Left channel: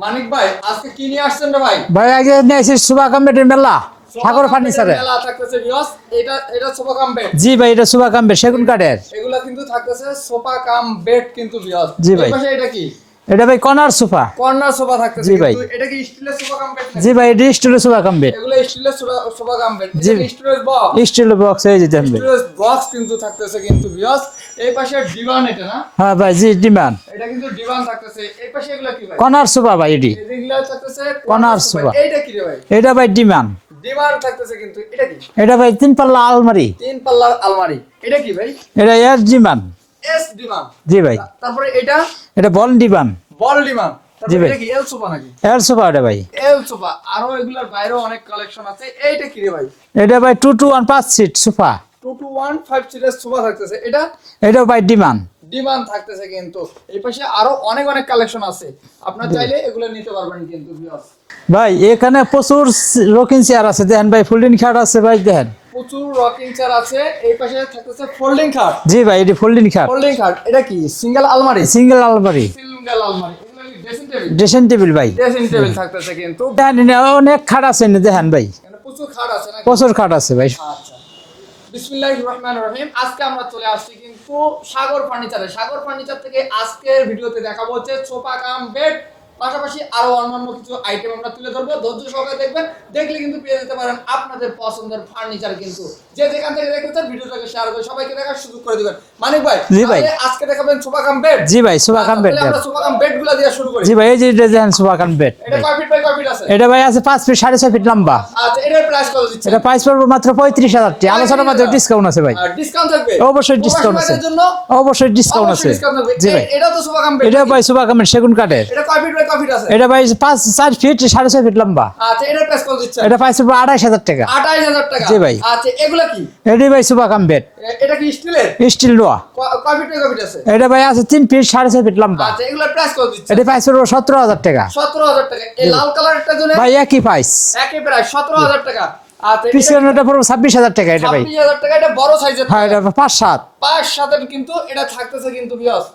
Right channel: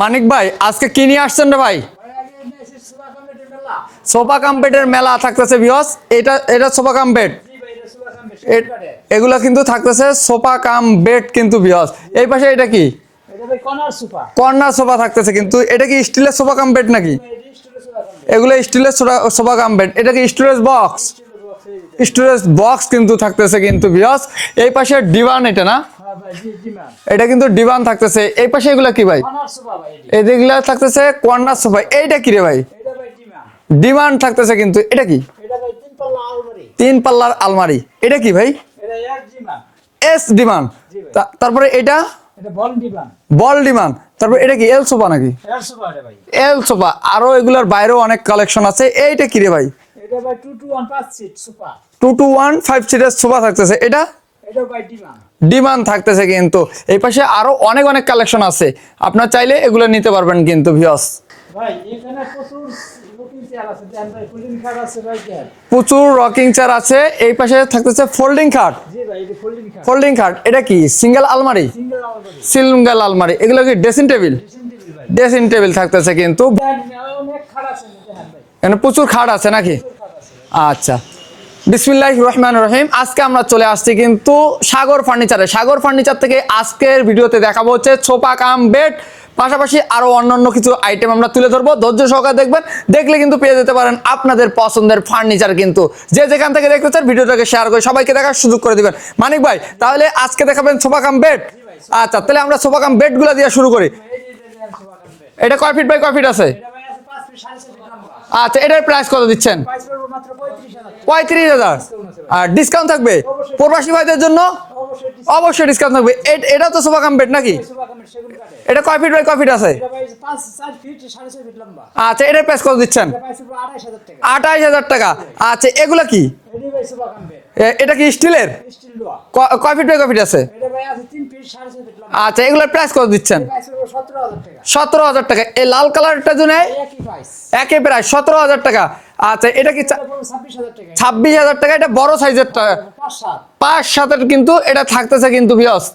মানিক ভাই আজকে কি নিয়ে আসছেন রে ভাই? ভাই আগে নিয়ে আসি সোফা কাম বেডের মেলা। সোফা কাম বেডের মেলা থাকতেছে ভিউয়ার্স। এটা সোফা কাম বেড। জি ভাই, এটা সোফা কাম বেড সেগুন কাঠের। এগুলা কিন্তু থাকতেছে সোফা কাম বেড কিন্তু ভিউয়ার্স। এই পাশে এটা কি? এটা ভাই কর্নার সোফা। কর্নার সোফা থাকতেছে কিন্তু এটা কি স্টিলের সোফা কাম বেড নাকি? জি ভাই, এটা স্টিলের সোফা কাম বেড। এগুলা স্টিলের সোফা কাম বেড। এটা কি স্টোরেজ বক্স? স্টিলের বক্স এই যে স্টোরেজ বক্স কিন্তু থাকতেছে কিন্তু ভিউয়ার্স। এই পাশে ডিভান এটা না? হ্যাঁ ভাই, জি ডিভান। এটা কিন্তু ডিভান থাকতেছে। এই পাশে এগুলা কি ভাই? কর্নার সোফা ভাই এটি। এগুলা থাকতেছে কর্নার সোফা। এইটা কি রে ভাই? এটা ভাই ডিভান। ডিভান থাকতেছে কিন্তু এটা কি? এটা ভাই তিন পাল্লা আলমারি। তিন পাল্লার আলমারি। এটা কি ভাই? এটা এস ডিভান। এস ডিভান। জি ভাই। তারপরে এটা বল ডিভান। বল ডিভান। তারপরে এটা কি এল সোফা নাকি? এল সোফা এটা ভাই। এল সোফা। আরো এগুলার বাইরেও অনেক কালেকশন আছে। এইটা কি রে ভাই? এটা ভাই 2 to 1 5 সিট সোফা। 2 to 1 5 সিটের সোফা থাকতেছে। এটা ভাই ডিভান। ডিমান্ড থাকতেছে কিন্তু এই পাশে আরো অনেক কালেকশন আছে। আপনারা চাইলে এগুলো নিতে পারবেন কিন্তু ভিউয়ার্স। ভাই এখানে প্রচুর রকিং চেয়ার আছে, দেখেন ভাই ফোল্ডিং খাট আছে ভাই, দেখেন প্রচুর রকিং চেয়ার আছে। এই পাশে থাকতেছে ফোল্ডিং খাট। জি ভাই, এটি ফোল্ডিং খাট। ফোল্ডিং খাট। এটা কি সিঙ্গেল আলমারি? সিঙ্গেল আলমারি। সিঙ্গেল আলমারি। এগুলো কি ড্রেসিং টেবিল? ড্রেসিং টেবিল ভাই। ড্রেসিং টেবিল থাকতেছে কিন্তু অনেক খাট আছে, দেখেন ভাই এখানে প্রচুর খাট আছে নাকি? প্রচুর খাট আছে ভাই। আচ্ছা, বিসমিল্লাহির রহমানির রহিম। আজকে আমরা চলে আসছি কিন্তু সাগর ফার্নিচারে। সাগর ফার্নিচার থেকে আজকের ভিডিওতে দেখাবো হচ্ছে সোফা কাম বেড, পাশাপাশি আরো অন্যান্য কিছু আইটেম আমরা তুলে ধরবো। ধৈর্য সহকারে দেখবেন, দেখলে কিন্তু পেয়ে যেতে পারেন আপনাদের পছন্দের ফার্নিচার। কিন্তু যে যেখান থেকে দেখতে চান ভিডিওটাকে শেয়ার করে সবাইকে দেখার সুযোগ করে দিবেন। মানিক ভাই, তাহলে আজকে দেখাবেন সোফা কাম বেড? জি ভাই, সোফা কাম বেড। তাহলে আমরা সোফা কাম বেড গুলো দিয়ে শুরু করি। জি ভাই, এই যে দেখেন সোফা কাম বেড। এটা কয় ফিট বাই কয় ফিট আছে? এটা ভাই আছে 5 ফিট 6.5 ফিট লম্বা। আচ্ছা, এটার প্রাইস কত দিচ্ছেন? এটা প্রাইস পড়বে মাত্র 35,000 টাকা। আলোচনার মধ্যে ডিসকাউন্ট আছে ভাই। আর ডিসকাউন্ট থাকবে? অবশ্যই ডিসকাউন্ট আছে। জন্য অবশ্যই ডিসকাউন্ট আছে। অবশ্যই ডিসকাউন্ট থাকবে। এটা তো সোফা কাম বেড নাকি? এটা ভাই সোফা কাম সেগুন কাঠের। এটা কয় ফিট বাই কয় ফিট আছে? এটা ভাই 4 ফিট 6.5 ফিট লম্বা। আচ্ছা, এটার প্রাইস কত দিচ্ছেন? এটা প্রাইস পড়বে 28,000 টাকা। 28,000 টাকা। জি ভাই। আচ্ছা, এগুলা কি? এটি ভাই সোফা কাম বেড। এটা কি স্টিলের? স্টিল লোয়া। কয় ফিট বাই কয় ফিট আছে? এটা ভাই আছে 3 ফিট 6.5 ফিট লম্বা। আচ্ছা, এগুলার প্রাইস কত দিচ্ছেন? এটা প্রাইস পড়বে 17,000 টাকা। 17,000 টাকা। এই লাল কালারটার জন্য ভাই একই প্রাইস। একই প্রাইস 17,000 টাকা। আচ্ছা, এটা কি? এটা পড়বে 26,000 টাকা। এটা ভাই 26,000 টাকা। এটা বড় সাইজের টাকা। 5-7 5-7 কিন্তু এটা থাকতেছে কিন্তু ভিউয়ার্স।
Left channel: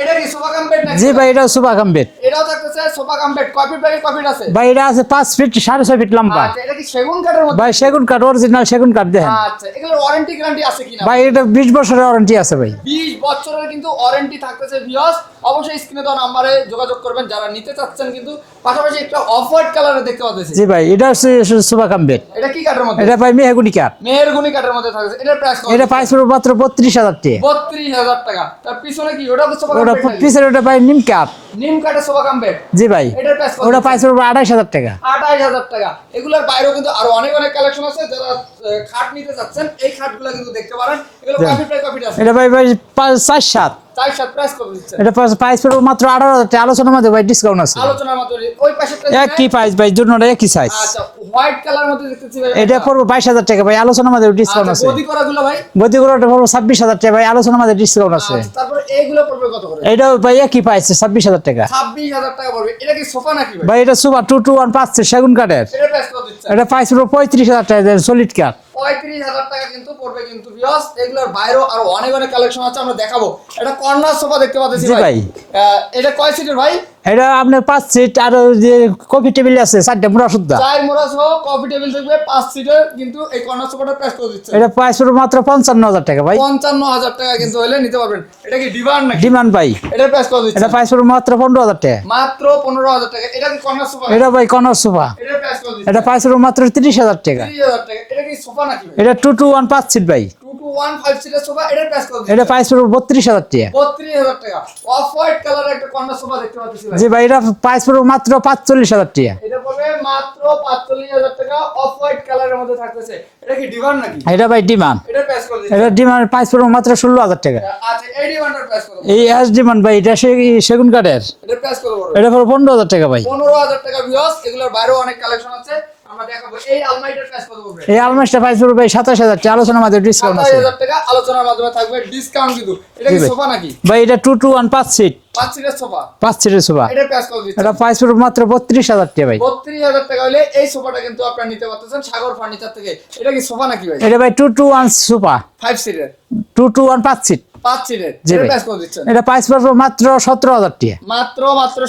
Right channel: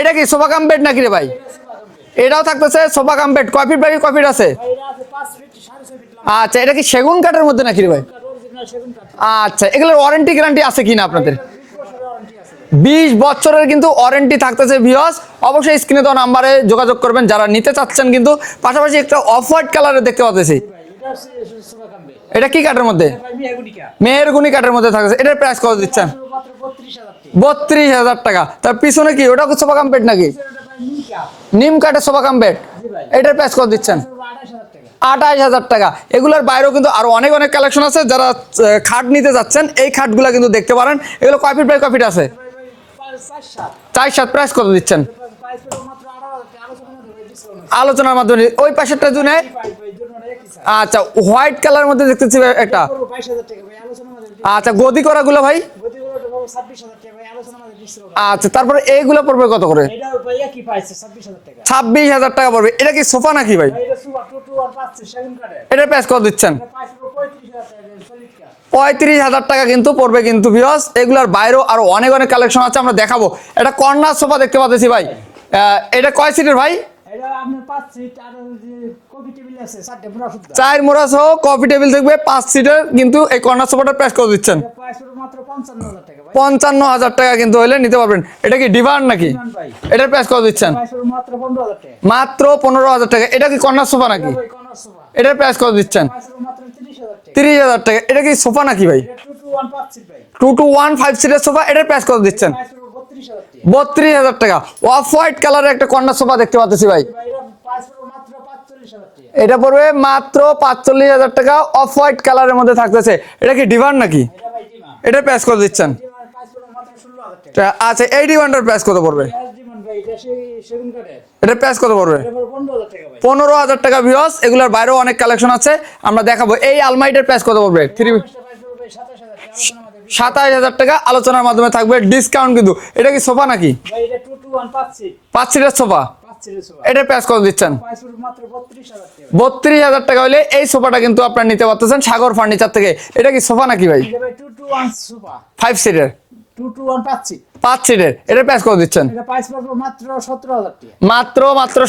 এটা কি সোফা কাম বেড নাকি? জি ভাই, এটা সোফা কাম বেড। এটাও থাকতেছে সোফা কাম বেড। কয় ফিট বাই কয় ফিট আছে? ভাই এটা আছে 5 ফিট 6.5 ফিট লম্বা। আচ্ছা, এটা কি সেগুন কাঠের মধ্যে নাকি? সেগুন কাঠ, অরিজিনাল সেগুন কাঠ দেখেন। আচ্ছা, এগুলোর ওয়ারেন্টি গ্যারান্টি আছে কিনা? ভাই এটা 20 বছরের ওয়ারেন্টি আছে ভাই। 20 বছরের কিন্তু ওয়ারেন্টি থাকতেছে ভিউয়ার্স। অবশ্যই স্ক্রিনে দেওয়া নাম্বারে যোগাযোগ করবেন যারা নিতে চাচ্ছেন। কিন্তু পাশাপাশি একটা অফ হোয়াইট কালারের দেখতে পাচ্ছি। জি ভাই, এটা হচ্ছে সোফা কাম বেড। এটা কি কাঠের মধ্যে? এটা ভাই মেহগনি কাঠ। মেহগনি কাঠের মধ্যে থাকতেছে। এটার প্রাইস কত? এটা প্রাইস পড়বে মাত্র 32,000 টাকা। 32,000 টাকা। তার পিছনে কি ওটা সোফা কাম বেড নাকি? পিছনে ওটা ভাই নিম কাঠ। নিম কাঠের সোফা কাম বেড। জি ভাই। এটার প্রাইস কত? ওটা প্রাইস পড়বে 28,000 টাকা। 28,000 টাকা। এগুলোর বাইরেও কিন্তু আরো অনেক কালেকশন আছে। যারা খাট নিতে যাচ্ছেন এই খাটগুলা কিন্তু দেখতে পারেন। এগুলো কয় ফিট বাই কয় ফিট আছে? এটা ভাই 4-7। 4-7 প্রাইস কত দিচ্ছেন? এটা প্রাইস পড়বে মাত্র 18,000 টাকা। আলোচনার মধ্যে ভাই ডিসকাউন্ট আছে। আলোচনার মাধ্যমে ওই পাশেরটার জন্য কি প্রাইস ভাই? দুটোটা একই সাইজ। আচ্ছা, হোয়াইট কালার মধ্যে দেখতেছি এটা পড়বে 22,000 টাকা ভাই। আলোচনার মধ্যে ডিসকাউন্ট আছে। আচ্ছা, গদি করাগুলো ভাই? গদি করাটা পড়বে 26,000 টাকা ভাই। আলোচনার মধ্যে ডিসকাউন্ট আছে। আচ্ছা, তারপরে এইগুলো পড়বে কত করে? এটা ভাই একই প্রাইস 26,000 টাকা। 26,000 টাকা পড়বে। এটা কি সোফা নাকি ভাই? ভাই এটা সোফা 2 to 1 5 সেগুন কাঠের। এটার প্রাইস কত দিচ্ছেন? এটা প্রাইস পড়বে 35,000 টাকা সলিড কাঠ। 35,000 টাকা কিন্তু পড়বে কিন্তু ভিউয়ার্স। এগুলার বাইরেও আরো অনেক কালেকশন আছে, আমরা দেখাবো। এটা কর্নার সোফা দেখতে পাচ্ছি ভাই। এটা কয় সিটের ভাই? এটা আপনার 5 সিট আর যে কফি টেবিল আছে 4টা মোড়া সুদ্ধা। 4 মোড়া সহ কফি টেবিল থাকবে 5 সিটের। কিন্তু এই কর্নার সোফাটার প্রাইস কত দিচ্ছেন? এটা প্রাইস পড়বে মাত্র 55,000 টাকা ভাই। 55,000 টাকা কিন্তু হলে নিতে পারবেন। এটা কি ডিভান নাকি? ডিভান ভাই। এটার প্রাইস কত দিচ্ছেন? এটা প্রাইস পড়বে মাত্র 15,000 টাকা। মাত্র 15,000 টাকা। এটা কি কর্নার সোফা নাকি? এটা ভাই কর্নার সোফা। এটার প্রাইস কত এটা দিচ্ছেন? প্রাইস পড়বে মাত্র 30,000 টাকা। 30,000 টাকা। এটা কি সোফা নাকি ভাই? এটা 2 to 1 5 সিট ভাই। 2 to 1 5 সিটের সোফা। এটার প্রাইস কত এটা দিচ্ছেন? প্রাইস পড়বে 32,000 টাকা। 32,000 টাকা। অফ হোয়াইট কালারের একটা কর্নার সোফা দেখতে পাচ্ছি ভাই। জি ভাই, এটা প্রাইস পড়বে মাত্র 45,000 টাকা। এটা পড়বে মাত্র 45,000 টাকা। অফ হোয়াইট কালারের মধ্যে থাকতেছে। এটা কি ডিভান নাকি? এটা ভাই ডিমান্ড। এটার প্রাইস কত দিচ্ছেন? এটা ডিমান্ড প্রাইস পড়বে মাত্র 16,000 টাকা। আচ্ছা, এই ডিভানটার প্রাইস কত পড়বে? এই এস ডিমান্ড ভাই, এটা সেগুন কাঠের। এটার প্রাইস কত পড়বে? এটা পড়বে 15,000 টাকা ভাই। 15,000 টাকা ভিউয়ার্স। এগুলোর বাইরেও অনেক কালেকশন আছে, আমরা দেখাবো। এই আলমারিটার প্রাইস কত পড়বে? এই আলমারিটা প্রাইস পড়বে ভাই 27,000 টাকা। আলোচনার মাধ্যমে ডিসকাউন্ট আছে। 27,000 টাকা আলোচনার মাধ্যমে থাকবে ডিসকাউন্ট কিন্তু। এটা কি সোফা নাকি ভাই? এটা 2 to 1 5 সিট। 5 সিটের সোফা। 5 সিটের সোফা। এটার প্রাইস কত দিচ্ছেন? এটা প্রাইস পড়বে মাত্র 32,000 টাকা ভাই। 32,000 টাকা হলে এই সোফাটা কিন্তু আপনারা নিতে পারতেছেন সাগর ফার্নিচার থেকে। এটা কি সোফা নাকি ভাই? এটা ভাই 2 to 1 সোফা। 5 সিটের। 2 to 1 5 সিট। 5 সিটের, এটার প্রাইস কত দিচ্ছেন? এটা প্রাইস পড়বে মাত্র 17,000 টাকা। মাত্র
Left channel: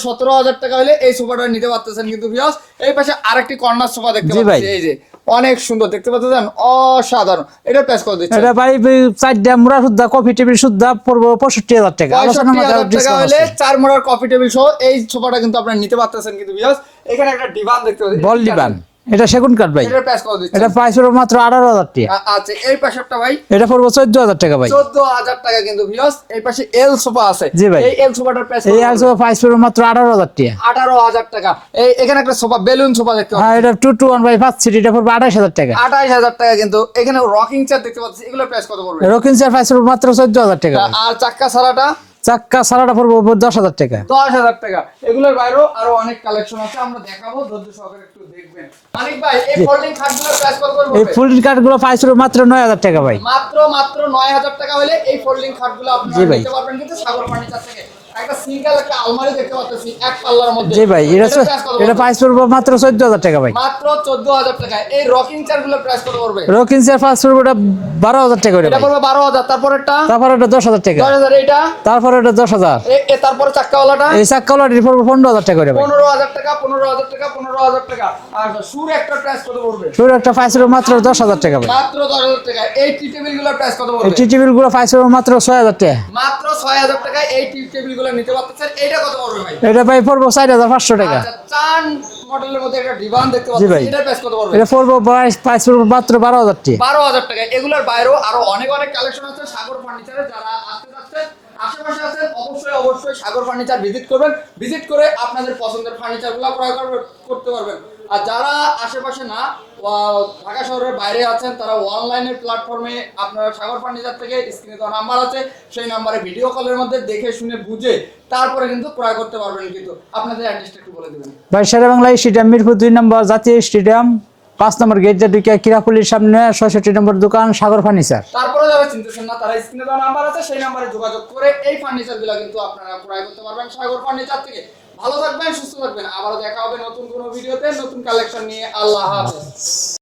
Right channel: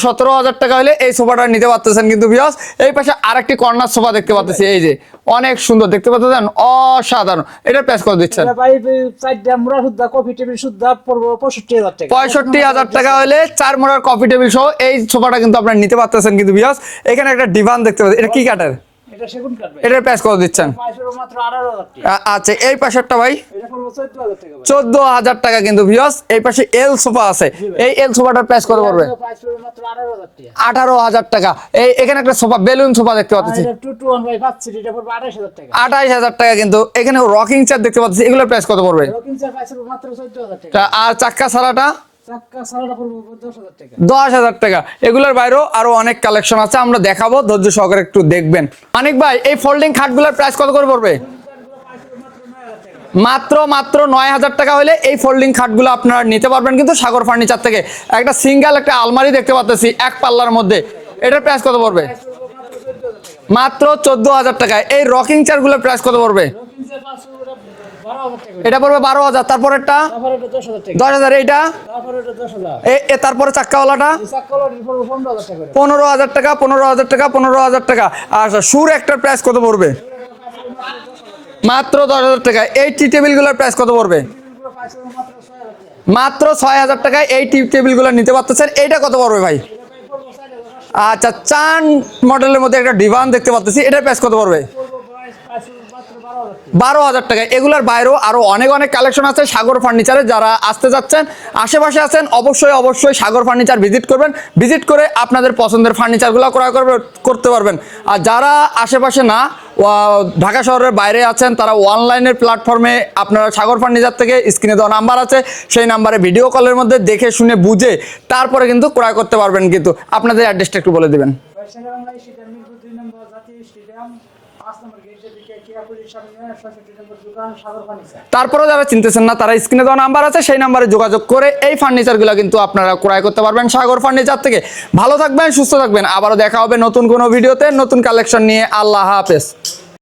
17,000 টাকা হলে এই সোফাটা নিতে পারতেছেন কিন্তু ভিউয়ার্স। এই পাশে আরেকটি কর্নার সোফা দেখতে পাচ্ছি, এই যে অনেক সুন্দর দেখতে পাচ্ছেন, অসাধারণ। এটার প্রাইস কত দিচ্ছেন? এটা বাড়ি 4 মুড়া সুদ্ধা কফি টেবিল সুদ্ধা পড়বে 65,000 টাকা। 65,000 টাকা হলে 4 মোড়ার কফি টেবিল সহ এই সোফাটা কিন্তু আপনারা নিতে পারতেছেন কিন্তু ভিউয়ার্স। এখানে একটা ডিভান দেখতে পাচ্ছেন, এটা কি কাঠের? এটা সেগুন কাঠ ভাই। এটার প্রাইস কত দিচ্ছেন? এটা প্রাইস পড়বে মাত্র 18,000 টাকা। আচ্ছা, এই পাশেরটা ভাই? এটা পড়বে 14,000 টাকা ভাই। 14,000 টাকা কিন্তু ভিউয়ার্স। এই পাশে এল সোফা আছে, এই এল সোফাটার প্রাইস কত? এই সোফা প্রাইস পড়বে মাত্র 18,000 টাকা। 18,000 টাকা। এই এখানে একটা সোফা, বেলুন সোফা দেখতে পাচ্ছি, এটা 2-to-1 বাই 5 সিট, এটা পড়বে 28,000 টাকা। 28,000 টাকা কিন্তু। এখানে রকিং চেয়ার দেখতে পাচ্ছি, এগুলোর প্রাইস কত পড়বে? রকিং চেয়ার প্রাইস পড়বে মাত্র 14,000 টাকা। আর চাক্কা ছাড়াটা? চাক্কা সারাটা পড়বে 10,000 টাকা। 10,000 টাকা। এগুলোর বাইরেও আরো অনেক কালেকশন আছে, আমরা দেখাবো, ধৈর্য সহকারে একটু দেখবেন। মানিক ভাই, এই ফোল্ডিং খাটগুলোর প্রাইস কত করে পড়বে? ফোল্ডিং খাটগুলো প্রাইস পড়বে মাত্র 9,000 টাকা ভাই। মাত্র 9,000 টাকা হলে এই ফোল্ডিং খাটগুলো আপনারা নিতে পারবেন কিন্তু সাগর ফার্নিচার থেকে। একটা সিঙ্গেল একটা আলমারি দেখতে পাচ্ছি এক পাল্লার মধ্যে, জি ভাই। এটার প্রাইস কত পড়বে? এটা প্রাইস পড়বে মাত্র 14,000 টাকা ভাই। মাত্র 14,000 টাকা। এই রকিং চেয়ারগুলোর প্রাইস কত পড়বে? রকিং চেয়ার প্রাইস পড়বে 12,000 টাকা। এটা পড়বে 12,000। তারপরেরটা? তারপর এটা 10,000 টাকা। 10,000। এইটা? তারপর এটা 10,000। তারপরে চাক্কাওয়ালাটা? এই চাক্কাওয়ালাটি পড়বে 15,000 টাকা করে। 15,000 টাকা, 15,000 টাকা, 15,000 টাকা। আচ্ছা, সুর একটার প্রাইস কত পড়বে? সুর একটা প্রাইস পড়বে মাত্র 10,000 টাকা। মাত্র 10,000 টাকা। এই টি টেবিলগুলোর প্রাইস কত পড়বে? টি টেবিলগুলো প্রাইস পড়বে মাত্র 6,000 টাকা। মাত্র 6,000 টাকায় এই টি টেবিলগুলো নিতে পারতেছেন। এইটা কত পড়বে ভাই? এটা ভাই পড়বে 4,500 টাকা। আচ্ছা, চান মডেলের মধ্যে একটা ডিভান দেখতে পাচ্ছি, এটার প্রাইস কত পড়বে? এটা পড়বে প্রাইস পড়বে মাত্র 12,000 টাকা। 12,000 টাকা। এগুলোর বাইরেও আরো অনেক অনেক কালেকশন আছে সাগর ফার্নিচারে। যারা আসতে যাচ্ছেন, আশেপাশে আছেন, অবশ্যই সাগর ফার্নিচার ভিজিট করবেন। ভিজিট করে আপনাদের পছন্দের ফার্নিচারগুলো ক্রয় করতে পারবেন। আর যারা আশেপাশে না, ঢাকা শহরের বাইরে আছেন, তারা অনলাইনের প্ল্যাটফর্মে আপনারা সাগর ফার্নিচার থেকে স্ক্রিনে দেওয়া নাম্বার আছে, সেই নাম্বারে ভিডিও কলের মধ্যে দেখে শুনে বুঝে তারপরে কিন্তু ক্রয় করতে পারবেন। কিন্তু আপনাদের অ্যাড্রেসটা একটু বলে দিবেন ভাই। শেরেবাংলা স্টেডিয়াম, মিরপুর 2 নম্বর জাতীয় স্টেডিয়াম, 5 নম্বর গেট দিয়ে কিরাপুলির সামনে 66 নম্বর দোকান, সাগর ফার্নিচার। তারপরেও যারা চিনতেছেন না, তারা স্ক্রিনে দেওয়া নাম্বার আছে, সেই নাম্বারে যোগাযোগ করে এই ফার্নিচারগুলো কিন্তু আপনারা ক্রয় করতে পারবেন সাগর ফার্নিচার থেকে। ভালো থাকবেন, সুস্থ থাকবেন। আবারও দেখা হবে নতুন কোনো ভিডিওতে নতুন কালেকশন নিয়ে। আল্লাহ হাফেজ।